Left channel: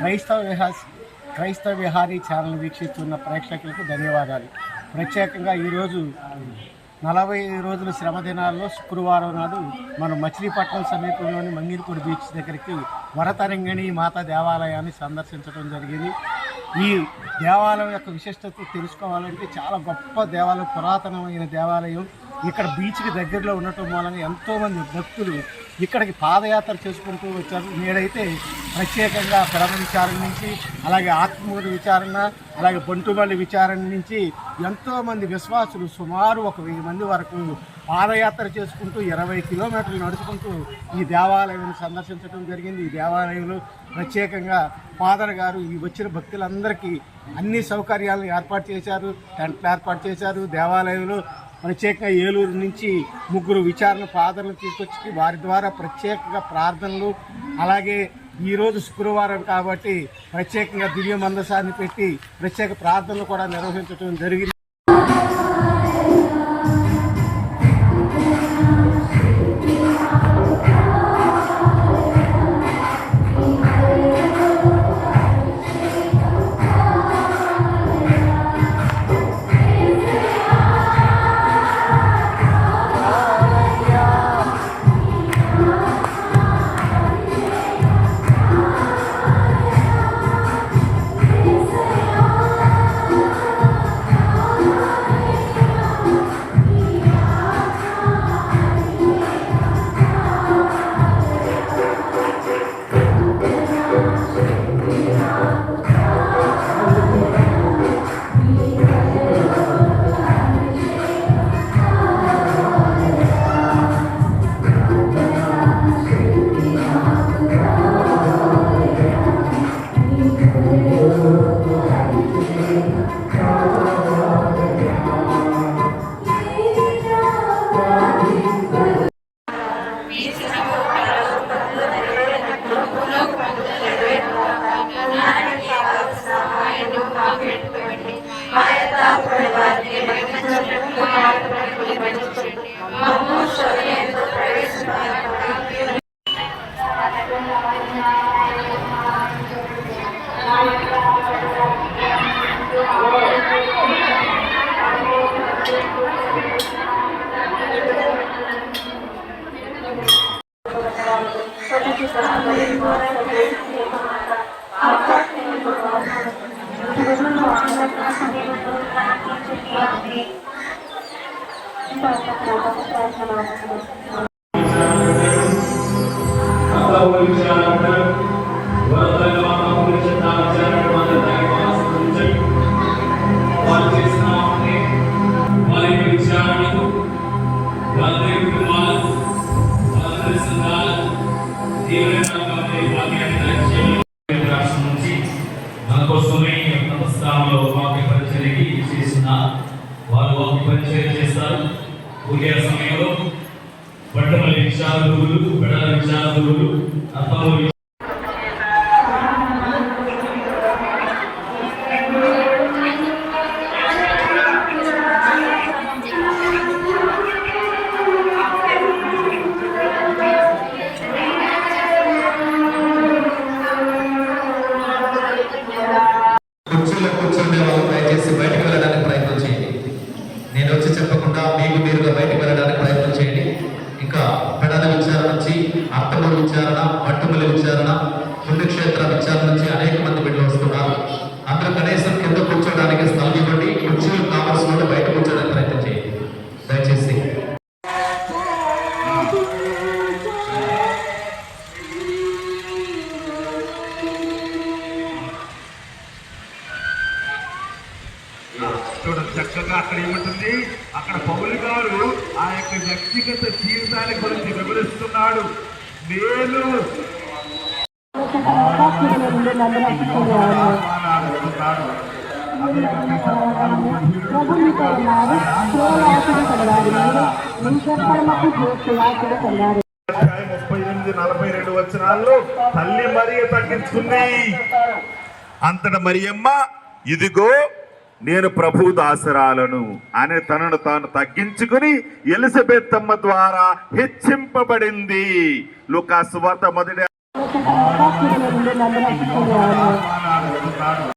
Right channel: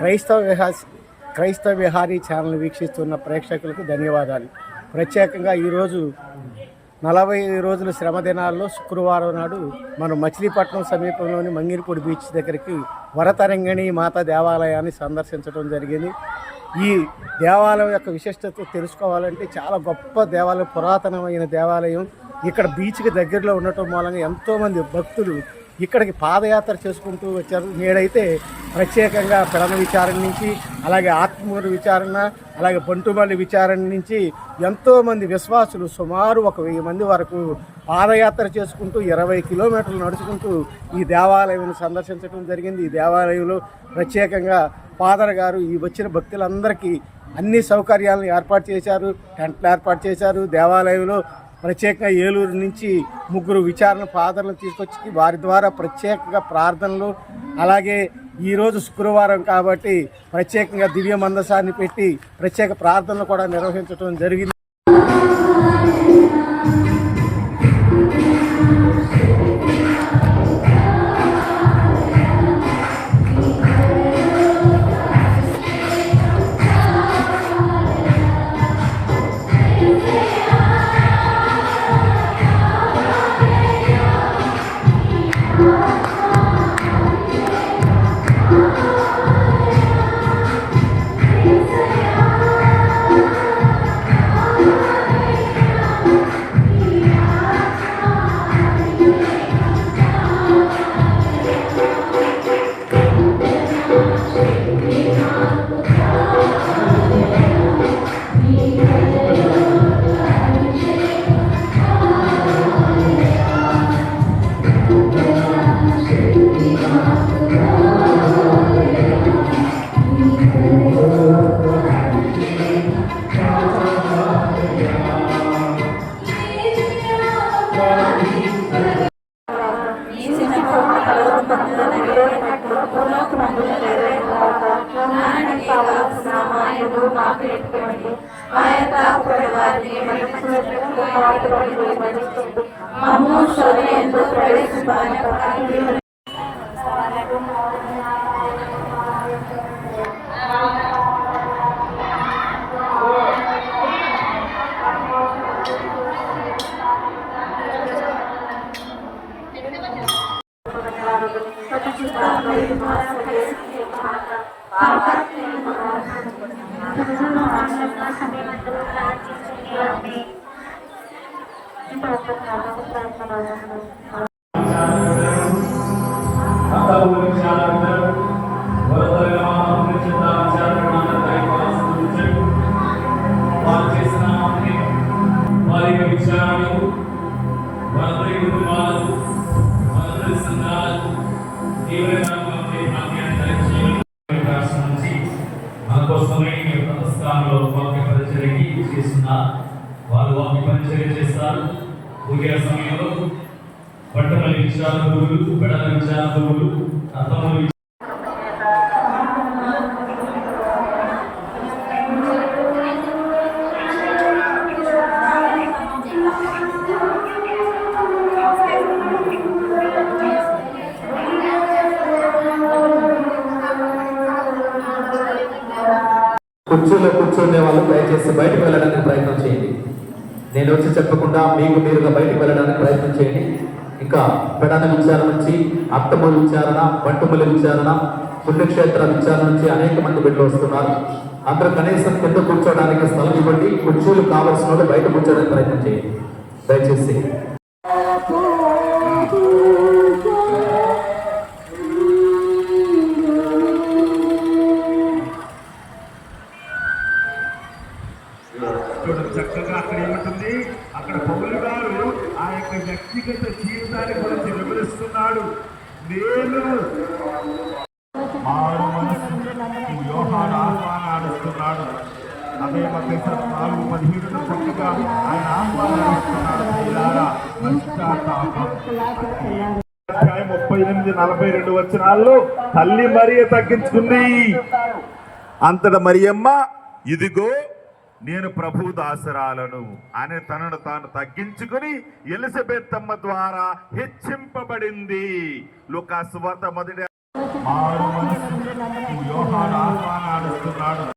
క్రైస్తవ విహారీ ఛానల్ వీక్షిస్తున్న ప్రేక్షకులకు ధన్యవాదాలు. ప్రత్యేకంగా ఈరోజు 40 రోజుల శ్రమ దినాల్లో శుక్రవారం నాడు మనం మచిలీపట్నం సమీపంలోని మంగిరిపూడి బీచ్ దగ్గరికి వరతరంగిణి మాత దేవాలయాన్ని సందర్శించడం జరిగింది. ఈ దేవాలయం యొక్క విశిష్టత తెలుసుకోవాలంటే చాలా గొప్ప దేవాలయం, పురాతనమైన దేవాలయం. ఇక్కడ బీచ్కి దగ్గరలో ఉండటం మూలంగా ఎంతోమంది భక్తులు ఇక్కడికి పాదయాత్ర చేసుకుంటూ వచ్చారు. నేడైతే ప్రత్యేకంగా పెరమ విచారణ నుంచి, అలాగే ఆత్మూరు విచారణ, అలాగే బంటుమల్లి విచారణ నుంచి ఎంతోమంది విశ్వాసులు సుమారు 1000 మంది వరకు పాదయాత్ర చేసుకుంటూ 20 కిలోమీటర్లు నడుచుకుంటూ ఈ దేవాలయాన్ని సందర్శించడం జరిగింది. ఈ దేవాలయంలో ప్రత్యేకంగా ఫాదర్ గారు ఈ వచ్చిన భక్తులందరికీ అన్ని సౌకర్యాలను ఏర్పాటు చేశారు. టెంట్లు ఏర్పాటు చేశారు. దేవాలయంలో ప్రత్యేకంగా ఏలూరు నుంచి 3 విచారణ ఫాదర్లు తీసుకొచ్చి వారి ద్వారా ప్రత్యేకంగా ప్రార్థనలు, అలాగే ఈరోజు శుక్రవారం కాబట్టి ప్రత్యేకంగా దివ్య మందసాన్ని పెట్టి ప్రత్యేక ప్రార్థనలు కూడా నిర్వహించడం జరిగింది. సమయంలో బంటుమల్లి విచారకులు, బెడల విచారకులు, అర్థములు కుర్చీలో కూర్చుండే వాళ్ళు దయచేసి బయటకు వెళ్ళడానికి ప్రయత్నం చేయండి. నేను వచ్చి చెప్పకుండా మీకు మీరుగా బయటకు వెళ్ళడానికి ప్రయత్నం చేయండి. ఇంకా పెడల విచారణ నుంచి, అత్తమూరు విచారణ, బంటుమల్లి విచారణ, పుణ్యక్షేత్ర విచారణ నుంచి అనేక మంది బిడ్డలు వస్తున్నారు. అందరూ కనీసం కింద కూర్చోడానికి స్థలం ఇవ్వండి. కుర్చీలు కావాల్సిన వాళ్ళు బయట కూర్చోడానికి ప్రయత్నం చేయండి దయచేసి. చక్కగా అక్కడ ఏమంటుంది, అక్కడ పౌలు గారు ఆ యొక్క వ్యక్తిగత జీవితాన్ని గురించి వివరిస్తున్నాడు. నేను ఆహ్వానాలుస్తున్నాడు. అదే 4:17 చక్కగా ఆయన ఆహ్వానాలుస్తున్నాడు. 38-42 వచనాల్లో తల్లి మరియ తగ్గించుకుంది. అంతట మరియమ్మ, ఇదిగో నేను ప్రభు దాసరాలను అని తనను తాను తగ్గించుకుని ఎలిజబెత్ అమ్మ ద్వారా హెచ్చింపబడింది. లూకా సువార్త 1 మారు మనసు యోహాను ఆహ్వానాలు